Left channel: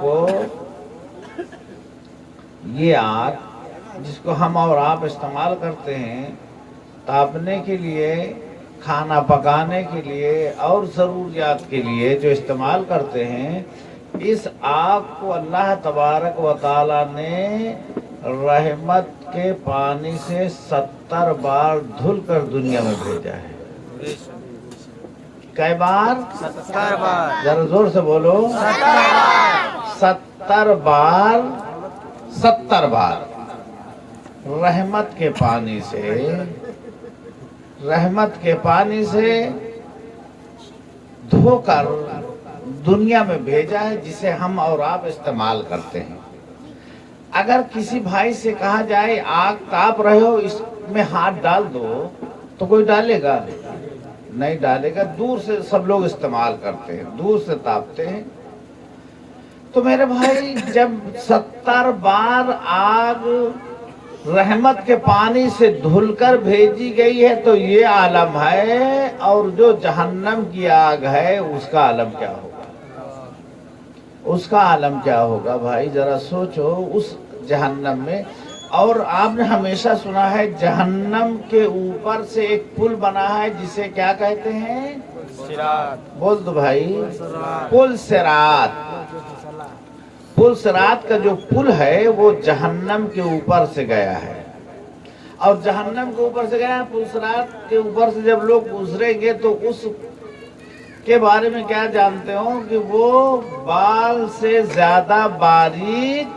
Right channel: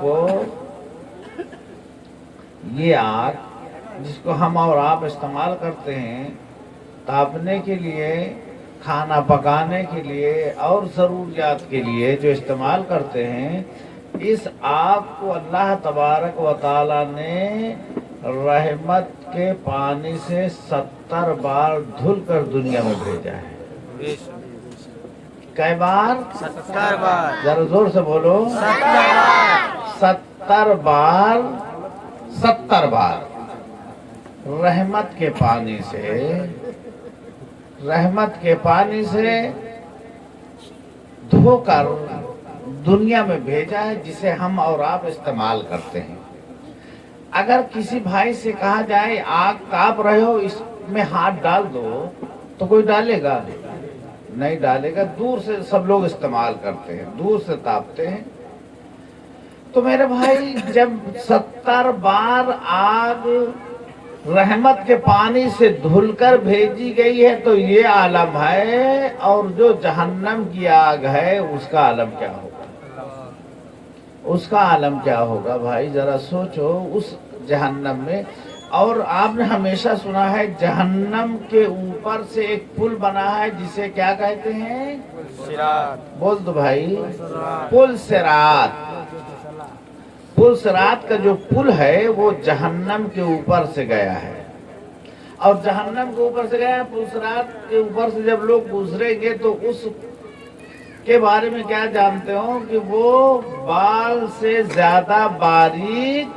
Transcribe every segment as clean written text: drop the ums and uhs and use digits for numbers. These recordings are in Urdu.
کو یہ آگ جس کو ہم اور آپ استعمال کرتے ہیں تاپنے کے لیے، کھانا پکانے کے لیے اور ضروریات کے لیے جو استعمال کرتے ہیں، اس آگ کو اللہ تبارک و تعالی نے رحمت کے پانی سے 70 بار دھل کر دنیا میں بھیجا ہے۔ کئی بار؟ 70 بار۔ ذرا زور سے بولو۔ 70 بار۔ 70 بار، 70 بار رحمت کے پانی سے، رحمت کے پانی سے دھو کر دنیا میں بھیجا ہے، جسے ہم اور آپ استعمال کرتے ہیں۔ اگر کسی بھائی سے کہا جائے آگ تاپ رہے ہو اس میں ہاتھ ڈال دو، تو کوئی ڈالے گا؟ نہیں ڈالے گا۔ دور سے سب لوگ استعمال کرتے ہیں، دور سے تاپتے ہیں۔ تو میرے بھائی، جب 70 بار آگ رحمت کے پانی سے دھل کر بھیجی گئی ہے تو یہ عالم ہے، اور جو جہنم کی آگ ہے اس کا عالم کیا ہوگا؟ اس کا عالم کیا ہوگا بھائی؟ ذرا سوچو اس جہنم میں۔ اور آپ نے ہمیشہ سنا ہے جہنم کے اوپر سے ایک پل بنا ہے جسے کیا کہتے ہیں؟ صراط۔ بول دو بھائی، پل صراط۔ پل صراط کا جو پل ہے وہ جہنم کے اوپر سے گیا ہے، اور جہنم کے اوپر سے گیا۔ پل صراط کے اوپر سے جب لوگ گزریں گے تو اس کے بارے میں کیا جانتے ہو کہ وہ بال سے زیادہ باریک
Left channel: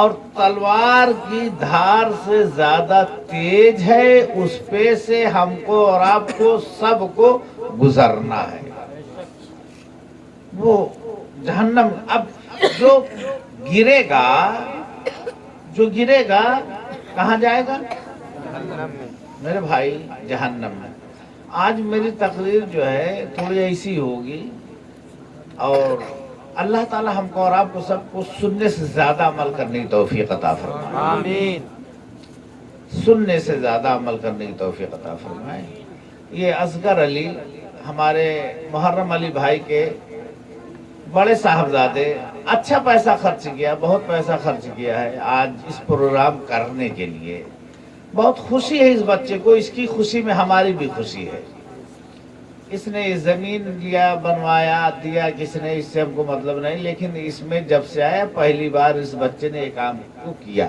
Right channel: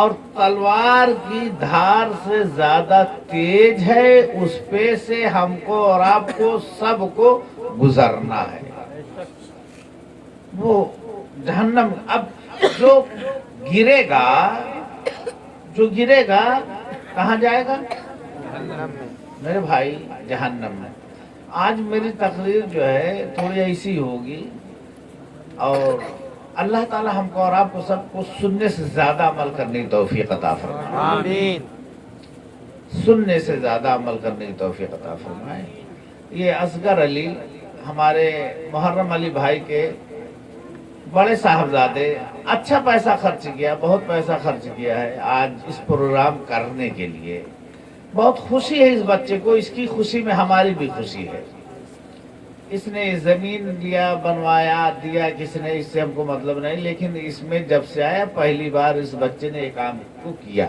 اور تلوار کی دھار سے زیادہ تیز ہے، اس پہ سے ہم کو اور آپ کو سب کو گزرنا ہے۔ وہ جہنم اب جو گرے گا کہاں جائے گا؟ جہنم میں۔ میرے بھائی، جہنم میں۔ آج میری تقریر جو ہے تھوڑی ایسی ہوگی، اور اللہ تعالی ہم کو اور آپ کو سب کو سننے سے زیادہ عمل کرنے کی توفیق عطا فرمائے۔ آمین۔ سننے سے زیادہ عمل کرنے کی توفیق عطا فرمائے۔ یہ اصغر علی ہمارے محرم علی بھائی کے بڑے صاحبزادے، اچھا پیسہ خرچ کیا، بہت پیسہ خرچ کیا ہے آج اس پروگرام کرنے کے لیے۔ بہت خوشی ہے اس بچے کو، اس کی خوشی میں ہماری بھی خوشی ہے۔ اس نے زمین لیا، بنوایا، دیا کس نے، اس سے ہم کو مطلب نہیں، لیکن اس میں جب سے آیا پہلی بار اس بچے نے ایک کام کو کیا،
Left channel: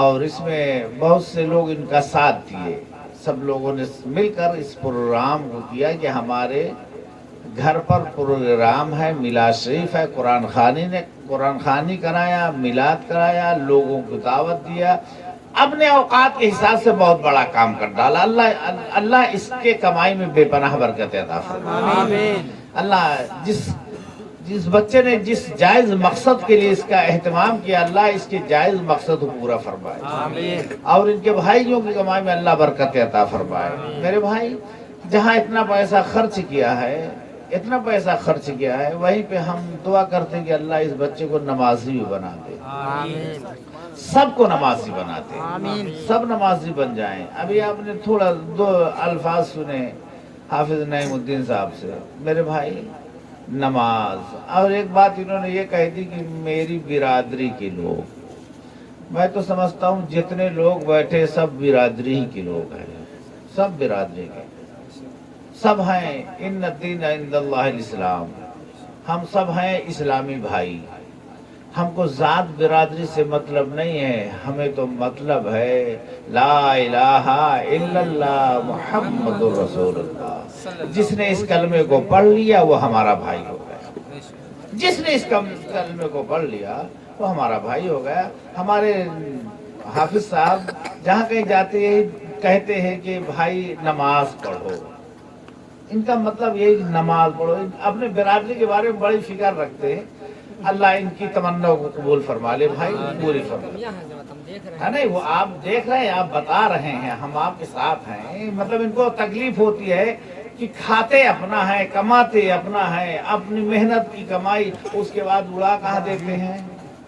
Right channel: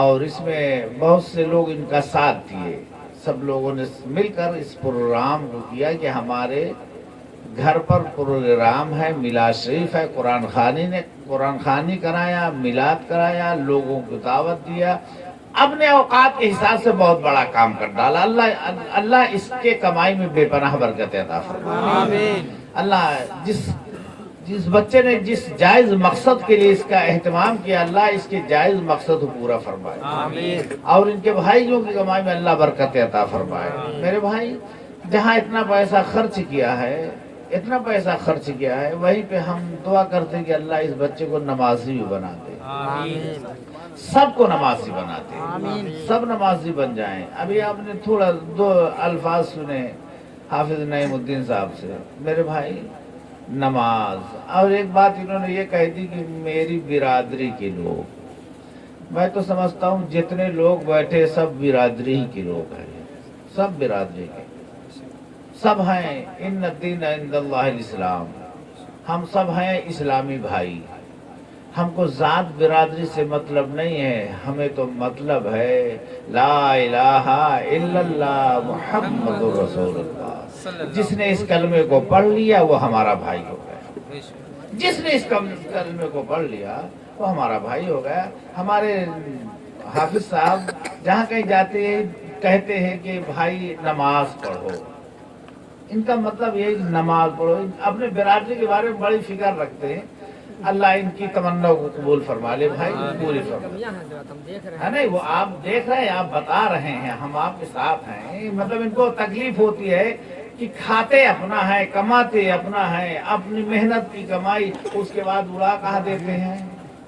اور اس میں بہت سے لوگ ان کا ساتھ دیے۔ سب لوگوں نے مل کر اس پروگرام کو کیا کہ ہمارے گھر پر پروگرام ہے، میلاد شریف ہے، قرآن خوانی کرایا، میلاد کرایا، لوگوں کو دعوت دیا، اپنے اوقات کے حساب سے بہت بڑا کام کر ڈالا۔ اللہ اس کے کمائی میں بے پناہ برکت عطا فرمائے۔ آمین۔ اللہ جس بچے نے جس جائز مقصد کے لیے اس کا اہتمام کیا، اللہ اس کے جائز مقصد کو پورا فرمائے۔ آمین۔ اور ان کے بھائیوں کی کمائی میں اللہ برکت عطا فرمائے۔ میرے بھائی، جہاں اتنا پیسہ خرچ کیا ہے، وہیں پہ ہم دعا کرتے ہیں کہ اللہ اس بچے کو نمازی بھی بنا دے، آمین۔ سب کو نمازی بنا دے، سب نمازی بن جائیں۔ ابھی آپ نے تھوڑا 2 الفاظ سنے حافظ نعیم الدین صاحب سے۔ میرے بھائی، نماز، اور ایک بات انہوں نے یہ کہہ دی کہ میری برادری کے لوگ، میں تو سمجھتا ہوں جتنے لوگ بیٹھے سب برادری ہی کے لوگ ہیں، سب برادری کے، سب ہیں۔ ان الدین عند اللہ الاسلام، ہم سب ہیں اسلامی بھائی۔ ہم کو ذات برادری سے مطلب نہیں ہے، ہمیں تو مطلب ہے لا الہ الا اللہ محمد رسول اللہ۔ جس نے اس کلمے کو پڑھ لیا وہ ہمارا بھائی ہو گیا، جس نے اس کلمے کو پڑھ لیا وہ ہمارا بھائی ہو گیا۔ ہمارے حافظ صاحب جہاں کہیں جاتے ہیں کہتے ہیں کہ بھائی نماز پڑھو، ان کا مطلب یہ نماز پڑھو۔ اپنے برادری کے بارے میں بڑی فکر رکھتے ہیں۔ اللہ ان کی تمنا کو قبول فرما لے بھائی، پوری فرما۔ نہیں، وہ آپ دیکھ رہے ہیں، آپ بتا رہے ہیں، ہم آپ کے ساتھ ہیں۔ مطلب ان کو تکلیف ہوتی ہے کہ کھاتے اپنا ہے، کماتے اپنا ہے، اپنی محنت کی کمائی، اس کے بعد اڑا کہاں دیتے ہیں۔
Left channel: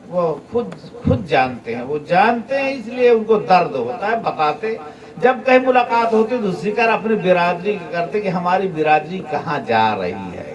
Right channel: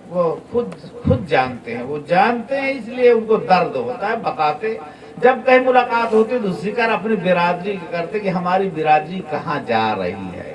وہ خود جانتے ہیں، وہ جانتے ہیں، اس لیے ان کو درد ہوتا ہے، بتاتے۔ جب کہیں ملاقات ہوتی تو ذکر اپنی برادری کرتے کہ ہماری برادری کہاں جا رہی ہے۔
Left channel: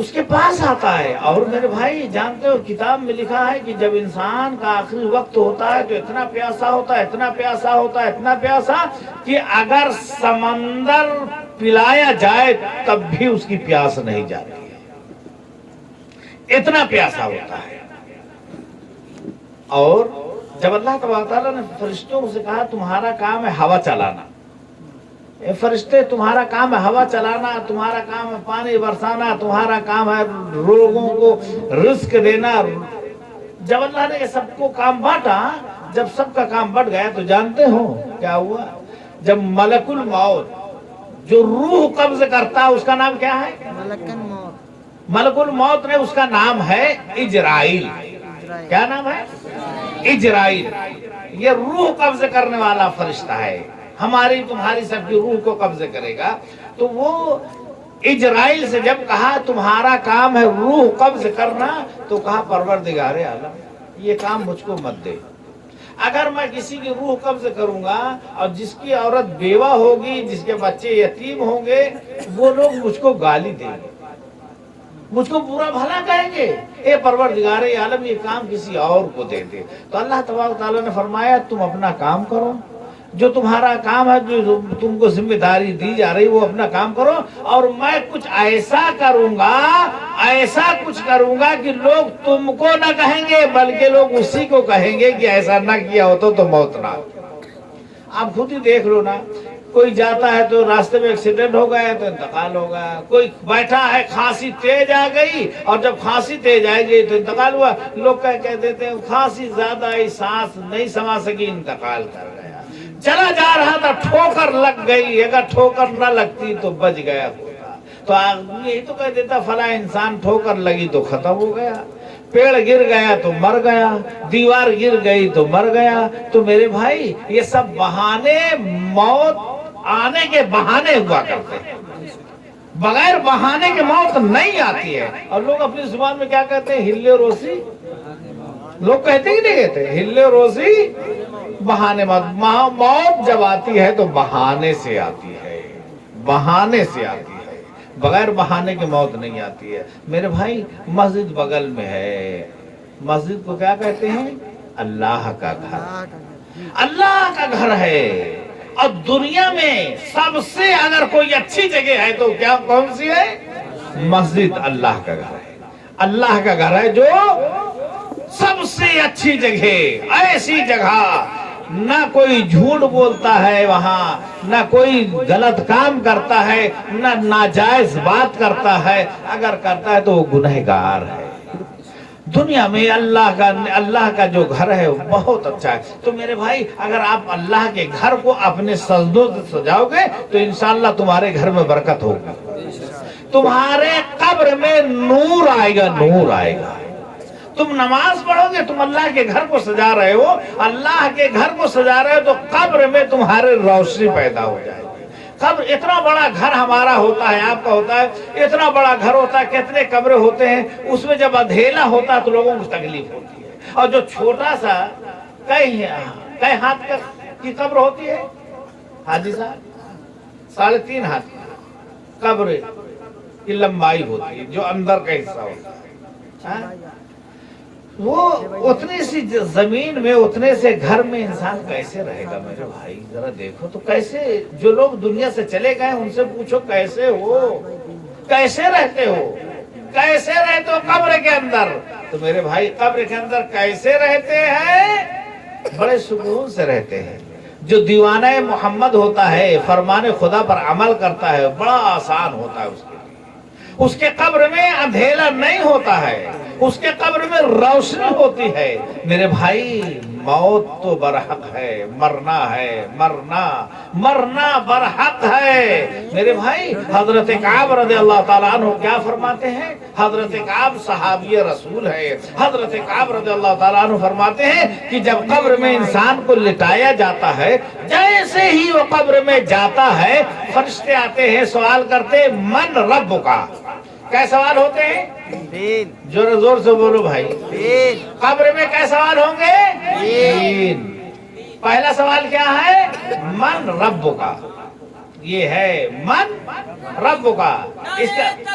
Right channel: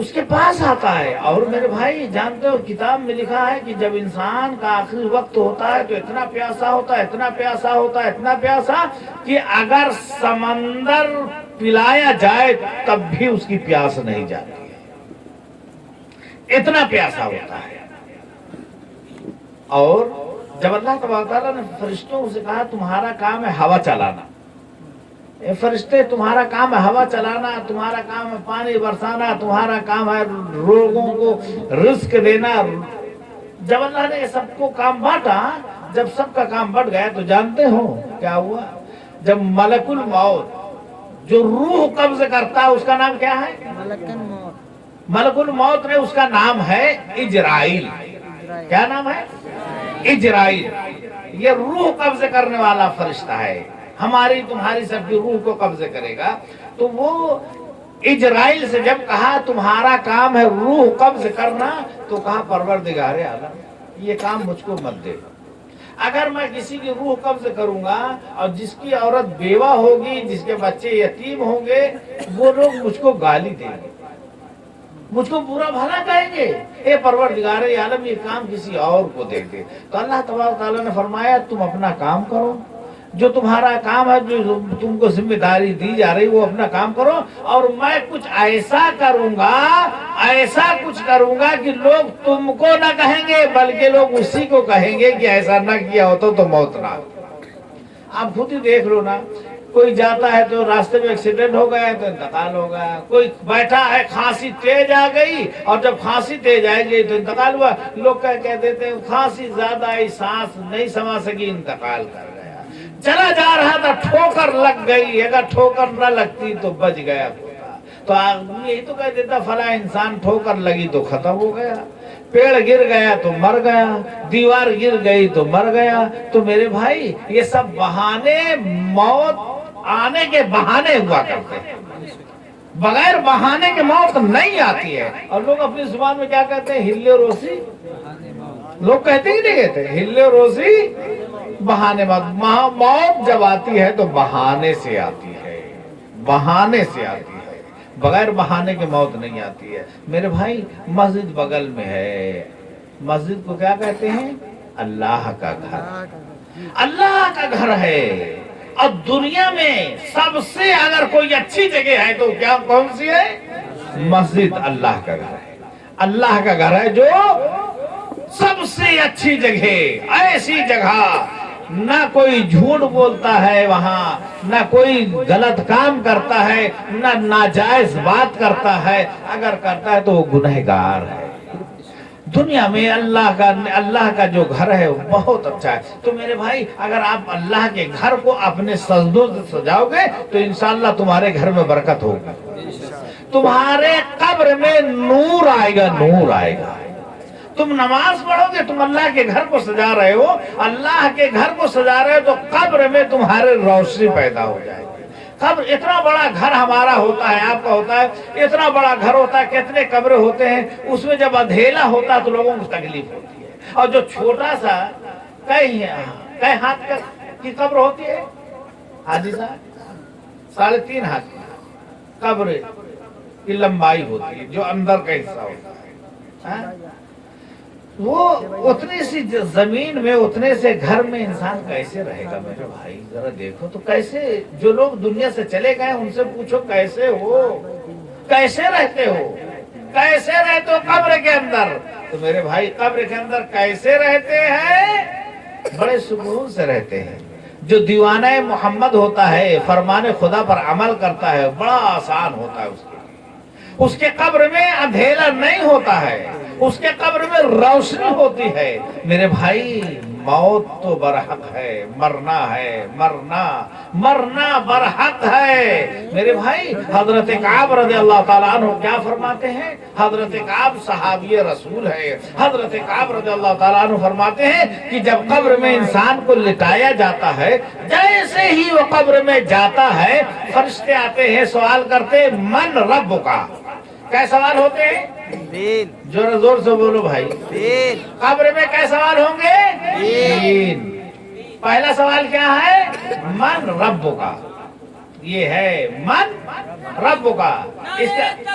اس کے پاس آتا ہے. اور میرے بھائی جانتے ہو کتاب میں لکھا ہے کہ جب انسان کا آخری وقت ہوتا ہے تو اتنا پیاسا ہوتا ہے، اتنا پیاسا ہوتا ہے، اتنا پیاسا کہ اگر سمندر پلایا جائے تب بھی اس کی پیاس نہیں جاتی ہے، اتنا پیاسا ہوتا ہے. اور جب اللہ تبارک تعالیٰ نے فرشتوں سے کہا تمہارا کام ہے ہوا چلانا، اے فرشتے تمہارا کام ہے ہوا چلانا، تمہارا کام ہے پانی برسانا، تمہارا کام ہے لوگوں کو رزق دینا. جب اللہ نے یہ سب کو کام بانٹا، جب سب کا کام بٹ گیا تو جانتے ہو کیا ہوا؟ جب ملک الموت جو روح قبض کرتا ہے اس کا نام کیا ہے؟ ملک الموت نے اس کا نام ہے اجرائیل. کیا نام ہے؟ اجرائیل. یہ روح قبض کرنے والا فرشتہ ہے، ہماری تمہاری سب کی روح کو قبض کرے گا. تو وہ اجرائیل سے جب کہا تمہارا کام ہے روح قبض کرنا، تو کہا پروردگار عالم یہ کام مجھ کو مت دے. اگر میں کسی کی روح قبض کروں گا اور جس کی عورت بیوہ ہوگی، جس کے بچے یتیم ہوں گے، وہ لوگ مجھ کو گالی دیں گے، مجھ کو برا بھلا کہیں گے. اے پروردگار عالم یہ کام کسی اور کو دے دے. تو اللہ تبارک تعالیٰ نے فرمایا تم اپنا کام کرو، جو تمہارا کام ہے، جو تم کو ذمہ داری دی جا رہی وہ اپنا کام کرو. اور میں کچھ ایسا کروں گا، ایسا کچھ کروں گا کہ لوگ تم کو نہ کہیں گے بلکہ لوگ اسی کو کہیں گے کہ ایسا نہ کیا ہوتا تو موت نہ. آپ خود ہی دیکھ لو نا، کوئی جاتا ہے تو راستے میں ایکسیڈنٹ ہو گیا تو انتقال ہو گیا. کوئی بیٹھا ہے کھانسی تیز آ گئی اور جب کھانسی تیز آئے گی تو انتقال ہوا. لوگ کہہ دیتے ہیں کھانسی زیادہ آئی، سانس نہیں سما سکی، انتقال کر گیا. چلا جا رہا تھا ٹھوکر لگ گئی، اگر ٹھوکر نہ لگتی تو بچ گیا. تو یہی تو کہہ دیتا فلاں انسان ٹھوکر لگی تو ختم ہو گیا، پیڑ گر گیا تو مر گیا، دیوار گر گئی تو مر گیا. تو میرے بھائی یہ سب بہانے، موت آنے کے بہانے ہوا کرتے ہیں، بغیر بہانے کے موت نہیں آتی ہے. اور لوگ اپنی زبان میں کیا کہتے ہیں؟ ہلے روسی. لوگ کہتے ہی نہیں کہتے ہلے روسی بہانے. موت جب آتی ہے تو بہانے سے آتی ہے، بہانے سے آتی ہے، بغیر بہانے کے موت نہیں آتی ہے. میرے بھائی مسجد بغل میں ہے، مسجد کو کیا کہتے ہیں؟ اللہ کا گھر. اللہ کا گھر ہے. اور دنیا میں سب سے اگر کوئی اچھی جگہ ہے تو کیا کون سی ہے؟ مسجد اللہ کا گھر ہے. اللہ کا گھر ہے جو سب سے اچھی جگہ، ایسی جگہ نہ کوئی جھوٹ بولتا ہے وہاں، نہ کوئی غلط کام کرتا ہے، نہ ناجائز بات کرتا ہے. اگر کرتا ہے تو وہ گنہگار ہے. دنیا میں اللہ کا جو گھر ہے وہ بہت اچھا ہے. تو میرے بھائی اگر آپ اللہ کے گھر کو اپنے سجدوں سے سجاؤ گے تو انشاءاللہ تمہارے گھر میں برکت ہوگی، تمہارے قبر میں نور آئے گا، نور آئے گا. تم نماز پڑھو گے، تم اللہ کے گھر کو سجا رہے ہو، اللہ کے گھر کو سجا رہے ہو تو قبر میں تمہارے روشنی پیدا ہو جائے گی. قبر اتنا بڑا گھر ہمارا ہوتا ہے، آپ کا ہوتا ہے، اتنا بڑا گھر ہوتا ہے، کتنے قبریں ہوتے ہیں. اس میں جب اندھیرا ہوتا ہے تو لوگوں کو تکلیف ہوتی ہے. اور جو چھوٹا سا کئی ہاتھ کی قبر ہوتی ہے، حاجی صاحب 3.5 ہاتھ کی قبر کی لمبائی ہوتی ہے، جو اندر کا حصہ ہوتا ہے. وہ اتنی سی زمین میں، اتنے سے گھر میں انسان کیسے رہے گا؟ میرے بھائی ذرا دیکھو تو کیسے. جو لوگ دنیا سے چلے گئے ان سے پوچھو کیسے ہو، کیسے رہتے ہو، کیسے رہتے ہو قبر کے اندر. تو میرے بھائی قبر کے اندر کیسے رہتے ہیں؟ بڑے سکون سے رہتے ہیں. جو دیوانہ محمد ہوتا ہے، فرمان خدا پر عمل کرتا ہے، بڑا آسان ہوتا ہے اس کے لیے. اس کے قبر میں اندھیرا نہیں ہوتا ہے، اس کے قبر میں روشنی ہوتی ہے. میرے بھائی موت تو برحق ہے، مرنا ہے، مرنا برحق ہے. میرے بھائی حضرت کعب رضی اللہ تعالیٰ عنہ کیا فرماتے ہیں؟ حضرت کعب صحابی رسول ہے. حضرت کعب رضی اللہ تعالیٰ عنہ فرماتے ہیں کہ جب قبر میں انسان کو لٹایا جاتا ہے، جیسے ہی وہ قبر میں جاتا ہے فرشتے آتے ہیں، سوال کرتے ہیں من رب کا. کیا سوال ہوتے ہیں؟ تین. زور سے بولو بھائی. تین. قبر میں کیا سوال ہوں گے؟ تین. پہلا سوال کیا ہے؟ من رب کا. یہ ہے من رب کا. اس کا